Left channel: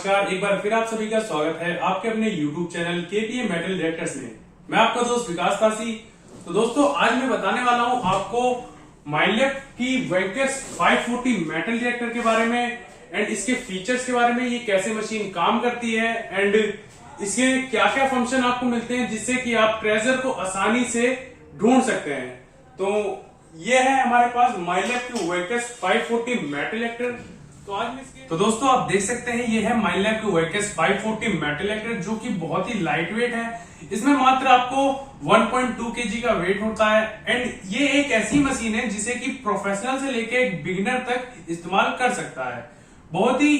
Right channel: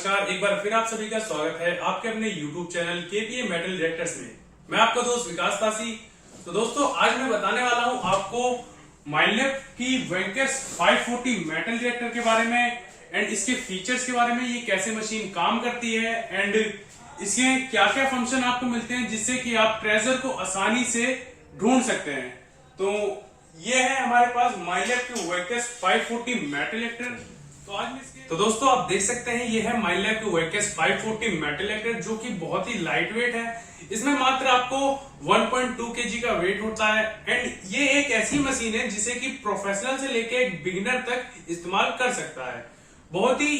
नमस्कार, एक बार फिर आप सभी का स्वागत है आपके अपने YouTube channel KPA metal detectors में। मैं आपका दोस्त विकास पासी। तो दोस्तों, आज मैं बताने वाला हूं आपको माइनलैब की वेक्टर्स 540 मेटल डिटेक्टर के बारे में एंड इसके फीचर्स के बारे में, ये कैसे मशीन काम करती है एंड इसके क्या क्या फंक्शन आपको मिलते हैं जिससे कि आप ट्रेजर को आसानी से ढूंढ सकते हैं। तो ये है हमारे पास माइनलैब की वेक्टर्स 540 मेटल डिटेक्टर। तो दोस्तों, आप देख सकते हैं ये है माइनलैब की वेक्टर्स 540 मेटल डिटेक्टर, जो कि बहुत ही लाइट वेट है। इसमें मात्र आपको 1.2 kg का वेट होता है एंड ये एक ऐसी मशीन है जिसे कि प्रोफेशनल से लेके एक बिगिनर तक इस्तेमाल कर सकता है। बहुत ही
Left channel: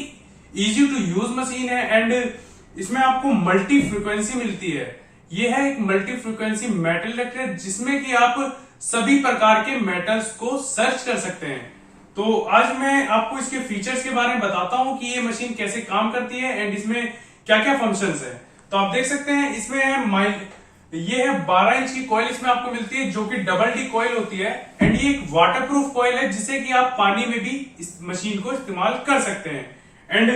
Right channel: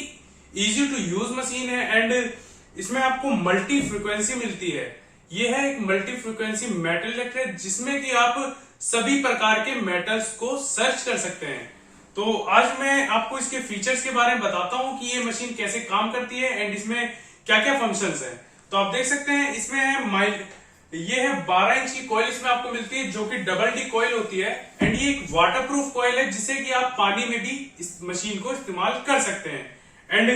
इजी टू यूज मशीन है एंड इसमें आपको मल्टी फ्रीक्वेंसी मिलती है। ये है एक मल्टी फ्रीक्वेंसी मेटल डिटेक्टर जिसमें कि आप सभी प्रकार के मेटल्स को सर्च कर सकते हैं। तो आज मैं आपको इसके फीचर्स के बारे में बताता हूं कि ये मशीन कैसे काम करती है एंड इसमें क्या क्या फंक्शंस है। तो आप देख सकते हैं इसमें है ये है 12 इंच की कॉइल इसमें आपको मिलती है, जो कि डबल डी कॉइल होती है एंड ये एक वाटरप्रूफ कॉइल है जिससे कि आप पानी में भी इस मशीन को इस्तेमाल कर सकते हैं। एंड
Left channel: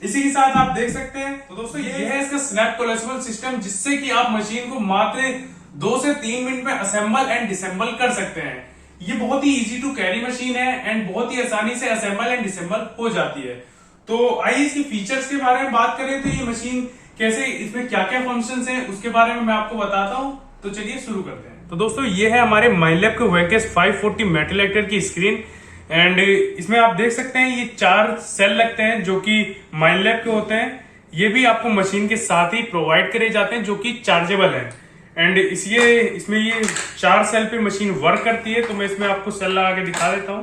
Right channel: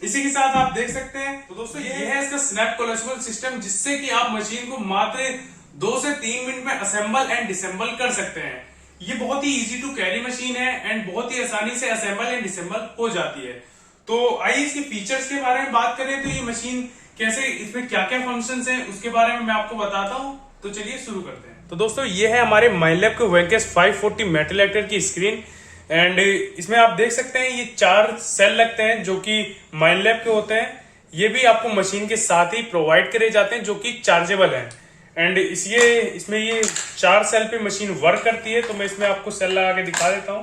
इसी के साथ आप देख सकते हैं, तो दोस्तों ये है इसका स्नैप कोलेक्शनल सिस्टम, जिससे कि आप मशीन को मात्र 2 से 3 मिनट में असेंबल एंड डिसेंबल कर सकते हैं। ये बहुत ही इजी टू कैरी मशीन है एंड बहुत ही आसानी से असेंबल एंड डिसेंबल हो जाती है। तो आइए इसकी फीचर्स के बारे में बात करें। तो ये मशीन कैसे, इसमें क्या क्या फंक्शंस हैं उसके बारे में मैं आपको बताता हूं। तो चलिए शुरू करते हैं। तो दोस्तों, ये है हमारे माइनलैब के वेक्टर्स 540 मेटल डिटेक्टर की स्क्रीन एंड इसमें आप देख सकते हैं ये 4 सेल लगते हैं जो कि माइनलैब के होते हैं। ये भी आपको मशीन के साथ ही प्रोवाइड करे जाते हैं जो कि चार्जेबल है एंड इसमें ये 4 सेल पे मशीन वर्क करती है। तो मैं इसमें आपको सेल लगा के दिखा देता हूं।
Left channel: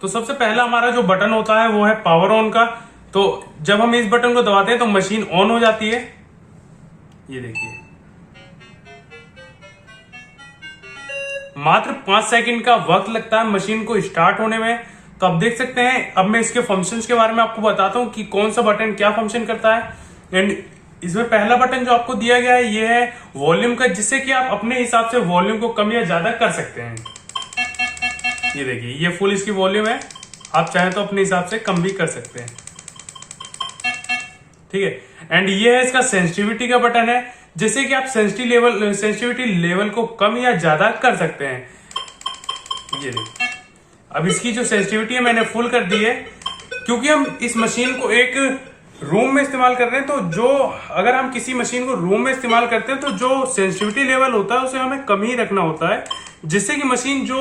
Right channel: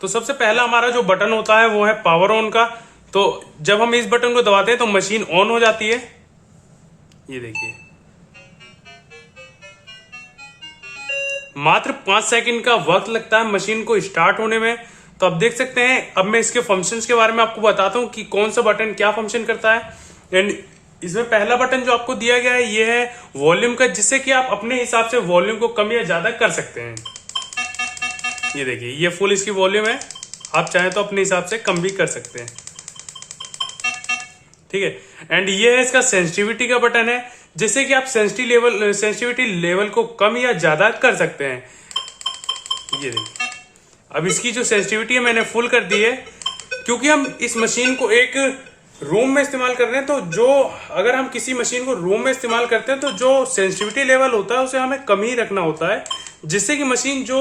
तो सबसे पहला हमारा जो बटन होता है वो है पावर ऑन का। तो जब हम इस बटन को दबाते हैं तो मशीन ऑन हो जाती है। ये देखिए, मात्र 5 सेकंड का वक्त लगता है मशीन को स्टार्ट होने में। तो आप देख सकते हैं, अब मैं इसके फंक्शंस के बारे में आपको बताता हूं कि कौन सा बटन क्या फंक्शन करता है। एंड इसमें पहला बटन जो आपको दिया गया है ये है वॉल्यूम का, जिससे कि आप अपने हिसाब से वॉल्यूम को कम या ज्यादा कर सकते हैं। ये देखिए, ये फुल इसकी वॉल्यूम है, आप चाहें तो अपने हिसाब से कम भी कर सकते हैं। ठीक है। एंड ये है इसका सेंसिटिविटी का बटन है, जिससे कि आप सेंसिटिविटी लेवल को कम या ज्यादा कर सकते हैं। ये देखिए, अब इसकी जो सेंसिटिविटी है मैंने फुल कर दी है, क्योंकि हम इस मशीन को एक रूम में इस्तेमाल कर रहे हैं। तो जो अगर हम किसी मशीन को रूम में इस्तेमाल करते हैं तो जो सेंसिटिविटी लेवल होता है उसे हमें कम ही रखना होता है, जिससे कि मशीन जो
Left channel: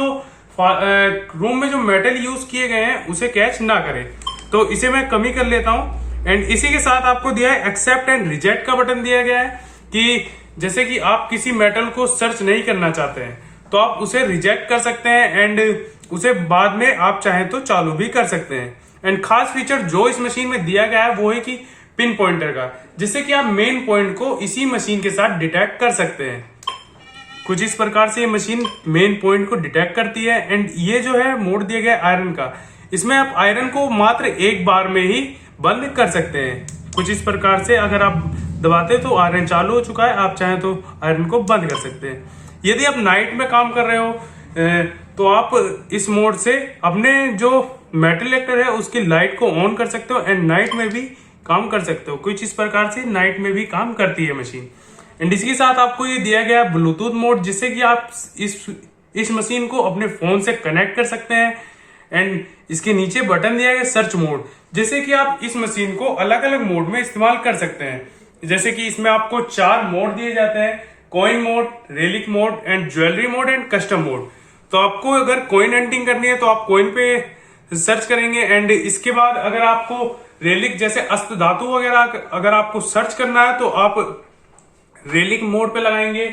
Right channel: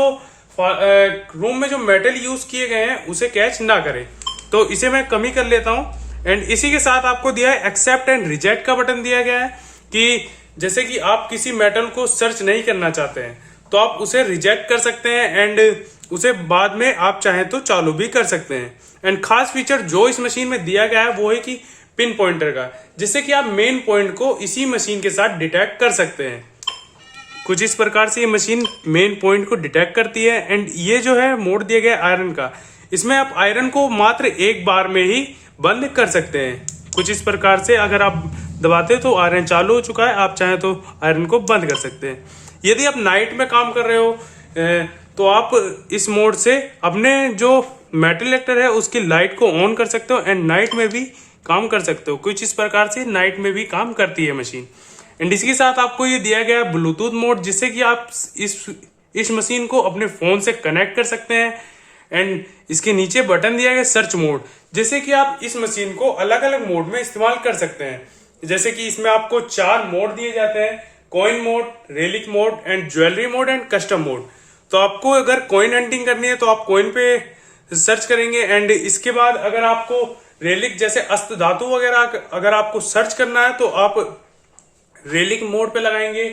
रूम में जो मेटल यूज किए गए हैं उसे कैच ना करे। तो इसे मैं कम ही कर लेता हूं। एंड इसी के साथ आपको दिया है एक्सेप्ट एंड रिजेक्ट का बटन दिया गया है, कि जैसे कि आप किसी मेटल को सर्च नहीं करना चाहते हैं तो आप उसे रिजेक्ट कर सकते हैं एंड उसे बाद में आप चाहें तो चालू भी कर सकते हैं। एंड खास फीचर जो इस मशीन में दिया गया है वो है कि पिन पॉइंटर का, जिससे कि आप मेन पॉइंट को इसी मशीन के साथ डिटेक्ट कर सकते हैं। कुछ इस प्रकार से ये मशीन मेन पॉइंट को डिटेक्ट करती है। एंड ये जो है मोड दिया गया आयरन का, इसमें आप आयरन को मात्र एक बार में ही बंद कर सकते हैं। कुछ इस प्रकार से अगर आप दबाते तो आयरन चालू हो चुका है, आप चाहें तो आयरन को बंद कर सकते हैं। यदि आप नाइट में काम कर रहे हो तो आप इस मोड से अपने जो मेटल डिटेक्टर है उसकी लाइट को ऑन कर सकते हो एंड नाइट में भी काम कर सकते हो। कुछ इस प्रकार से नाइट में भी काम करती है मशीन। एंड इसके साथ आपको ये दिया गया ब्लूटूथ मोड, जिससे कि आप इस मशीन को अपने फोन से कनेक्ट कर सकते हैं। एंड इसके नीचे बटन दिया गया सर्च मोड, जिससे कि आप इस मशीन को अलग अलग मोड में इस्तेमाल कर सकते हैं। जैसे कि इसमें आपको 4 मोड दिए जाते हैं, coin mode, relic mode and jewellery mode and custom mode. तो आपको अगर कॉइन हंटिंग करनी है तो आप कॉइन पे सर्च करेंगे एंड इसके बाद अगर आपको रेलिक जैसे अस्त धातु वगैरह अगर आपको सर्च करना है तो आप रेलिक मोड पे लगाएंगे।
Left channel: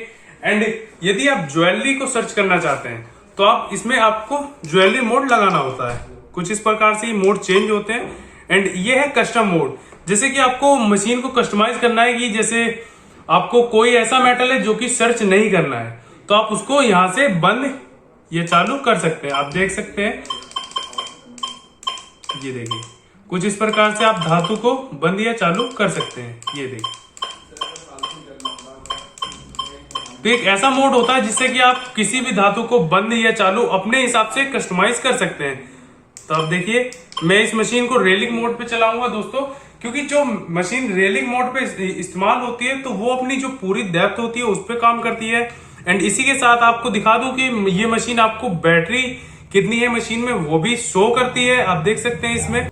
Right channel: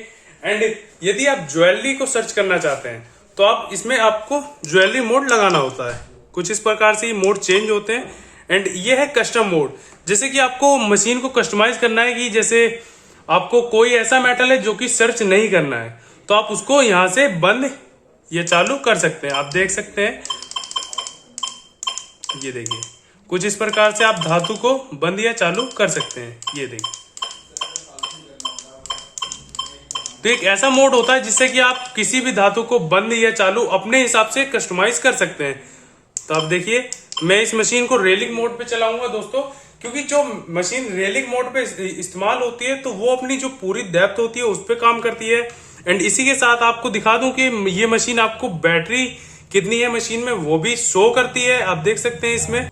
एंड यदि आप ज्वेलरी को सर्च करना चाहते हैं तो आप इसमें आपको ज्वेलरी मोड लगाना होता है। कुछ इस प्रकार से ये मोड चेंज होते हैं। एंड ये है कस्टम मोड, जैसे कि आपको मशीन को कस्टमाइज करना है, कि जैसे आपको कोई ऐसा मेटल है जो कि सर्च नहीं करना है तो आप उसको यहां से बंद या चालू कर सकते हैं। आप देख सकते हैं, ये देखिए, कुछ इस प्रकार से आप धातु को बंद या चालू कर सकते हैं। ये देखिए, तो एक ऐसा मोड होता है जिससे कि आप किसी भी धातु को बंद या चालू अपने हिसाब से कस्टमाइज कर सकते हैं। तो अब देखिए मैं इस मशीन को रेलिंग मोड पे चलाऊंगा दोस्तों, क्योंकि जो मशीन रेलिंग मोड पे इस्तेमाल होती है तो वो अपनी जो पूरी डेप्थ होती है उस पर काम करती है। एंड इसी के साथ आपको दिखा दूं कि ये मशीन आपको बैटरी कितनी है मशीन में वो भी शो करती है, आप देख सकते हैं इसमें।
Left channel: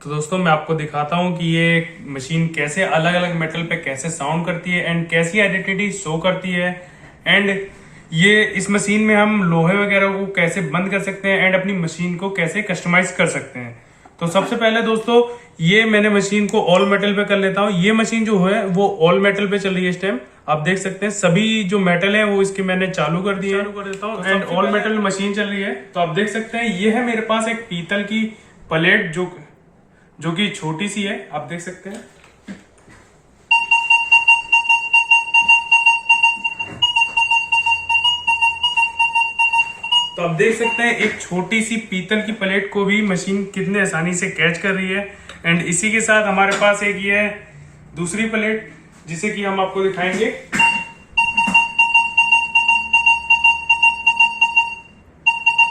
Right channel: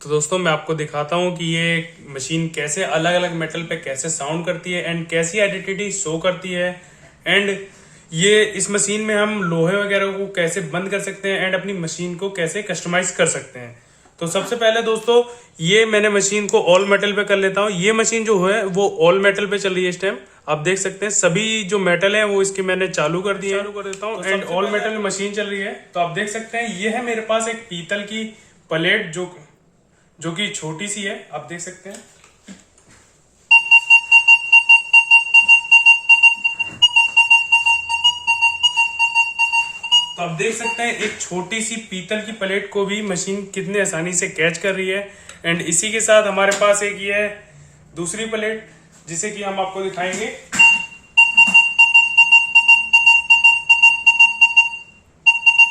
तो दोस्तों मैं आपको दिखाता हूं कि ये मशीन कैसे अलग अलग मेटल पे कैसे साउंड करती है एंड कैसी आइडेंटिटी शो करती है। एंड ये इस मशीन में हम लोहे वगैरह को कैसे बंद कर सकते हैं एंड अपनी मशीन को कैसे कस्टमाइज कर सकते हैं। तो सबसे पहले दोस्तों ये मैंने मशीन को ऑल मेटल पे कर लेता हूँ। ये मशीन जो है वो ऑल मेटल पे चल रही है इस टाइम, आप देख सकते हैं सभी जो मेटल है वो इसके मैंने चालू कर दिए कर देता हूँ एंड ऑल मेटल में मशीन चल रही है। तो आप देख सकते हैं ये है मेरे पास एक पीतल की प्लेट जो कि छोटी सी है, आप देख सकते हैं। तो आप देख सकते हैं एक छोटी सी पीतल की प्लेट को भी मशीन कितने आसानी से कैच कर रही है। एंड इसी के साथ हमारे पास एक ये है दूसरी प्लेट जिसे कि हम आपको दिखाएंगे।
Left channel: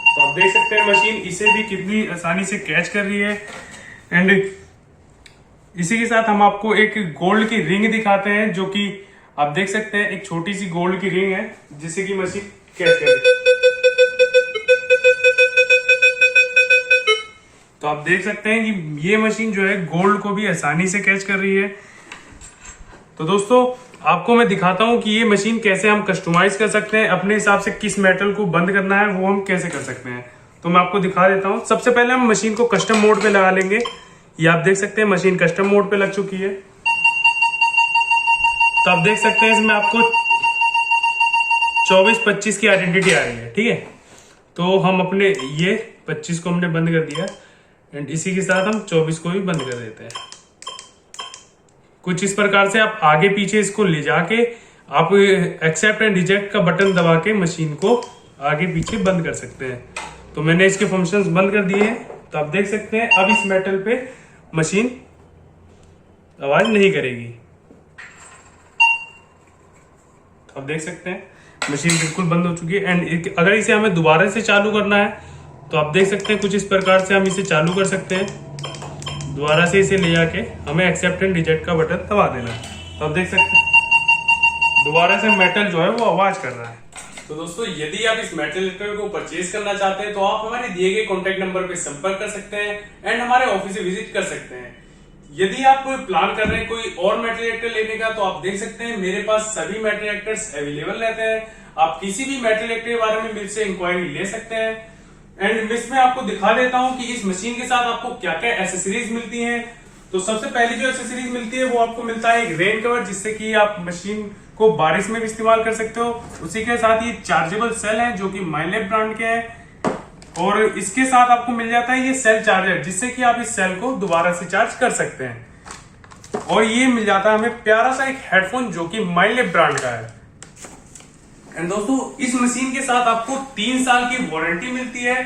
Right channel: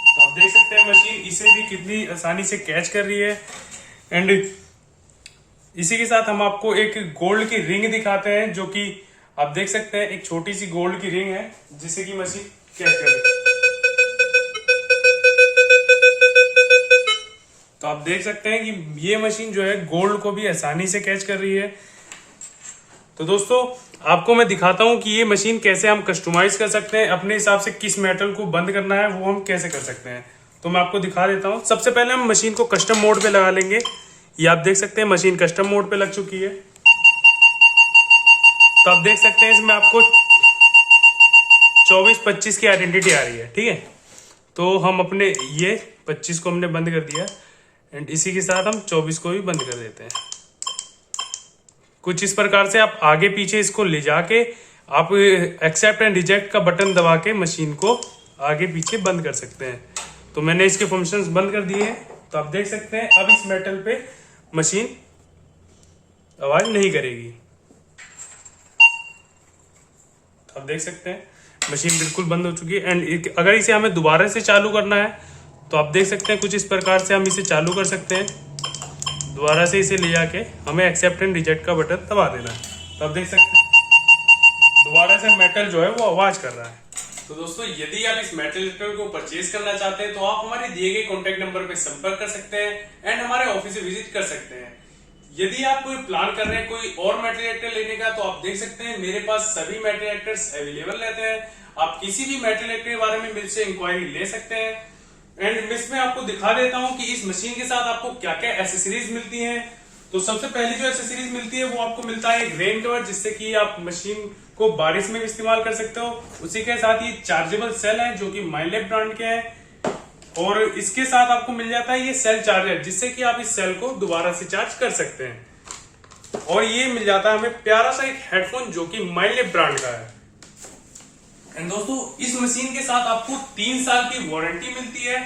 तो आप देख सकते हैं मशीन इसे भी कितनी आसानी से कैच कर रही है। एंड इसी के साथ हम आपको एक गोल्ड की रिंग दिखाते हैं, जो कि आप देख सकते हैं एक छोटी सी गोल्ड की रिंग है जिससे कि मशीन कैच कर रही है। तो आप देख सकते हैं कि ये मशीन जो है गोल्ड को भी आसानी से कैच कर रही है। तो दोस्तों आपको मैं दिखाता हूं कि ये मशीन कैसे हम कस्टमाइज कर सकते हैं, अपने हिसाब से किस मेटल को बंद करना है वो हम कैसे कर सकते हैं। तो मैं आपको दिखा देता हूं। सबसे पहले हम मशीन को कस्टम मोड पे लगा लेंगे। ये आप देख सकते हैं मशीन कस्टम मोड पे लग चुकी है। तो आप देख सकते हैं इसमें आपको 24-25 की आइडेंटिटी आ रही है, ठीक है। तो हम अपने ये 25 को हमने बंद कर दिया एंड इसी के साथ हम 24 को भी बंद कर देते हैं। कुछ इस प्रकार से आप आगे पीछे इसको ले जाके आप एक्सेप्ट एंड रिजेक्ट का बटन दबा के मशीन को आगे पीछे बंद कर सकते हैं। तो मैंने इसके फंक्शंस बंद कर दिए हैं। तो आप देख सकते हैं अब इस मेटल पे मशीन आवाज नहीं करेगी। आप देख सकते हैं मशीन बिल्कुल बंद हो चुकी है। एंड अगर इसे हमें दोबारा से चालू करना है तो आप देख सकते हैं कुछ इस प्रकार से हम इसे चालू कर सकते हैं। दोबारा से इसे ले जाके हमें एक्सेप्ट एंड रिजेक्ट का बटन दबा देना है। तो आप देख सकते हैं दोबारा से मेटल जो है वो आवाज कर रहा है। तो दोस्तों यदि आप इस मेटल डिटेक्टर को परचेज करना चाहते हैं तो आप हमारे दिए गए कॉन्टेक्ट नंबर पे संपर्क कर सकते हैं एंड हमारे ऑफिस से विजिट कर सकते हैं। यदि आप प्लान कर रहे हैं कोई और मेटल डिटेक्टर लेने का तो आप देख सकते हैं मेरे पास सभी मेटल डिटेक्टर्स अवेलेबल रहते हैं। आप किसी भी मेटल डिटेक्टर के बारे में मुझसे इंक्वायरी ले सकते हैं। एंड इसमें आपको दिखा देता हूं कि इस मशीन के साथ आपको क्या क्या एसेसरीज मिलती हैं। तो सबसे पहली जो एसेसरीज मिलती है वो आपको मिलता है एक रेन कवर, जिससे कि आप मशीन को बारिश में भी इस्तेमाल कर सकते हो। उसी के साथ ये चार्जेबल सेल है जो कि माइनलेब ब्रांड के हैं। और इसके साथ आपको मिल जाता है ये सेल चार्जर, जिससे कि आप इस सेल को दोबारा से चार्ज कर सकते हैं। और ये मिल जाता है हमें प्यारा सा एक हेडफोन जो कि माइनलेब ब्रांड का है। एंड दोस्तों इस मशीन के साथ आपको 3 साल की वारंटी मिलती है।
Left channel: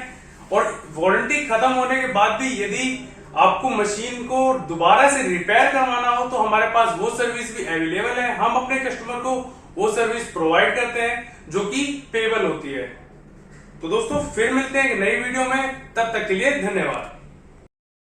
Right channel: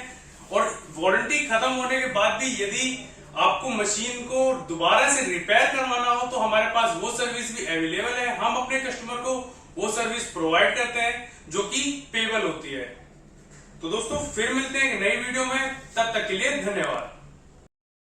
और वारंटी खत्म होने के बाद भी यदि आपको मशीन को दोबारा से रिपेयर करवाना हो तो हमारे पास वो सर्विस भी अवेलेबल है। हम अपने कस्टमर को वो सर्विस प्रोवाइड करते हैं जो कि पेबल होती है। तो दोस्तों फिर मिलते हैं एक नई वीडियो में, तब तक के लिए धन्यवाद।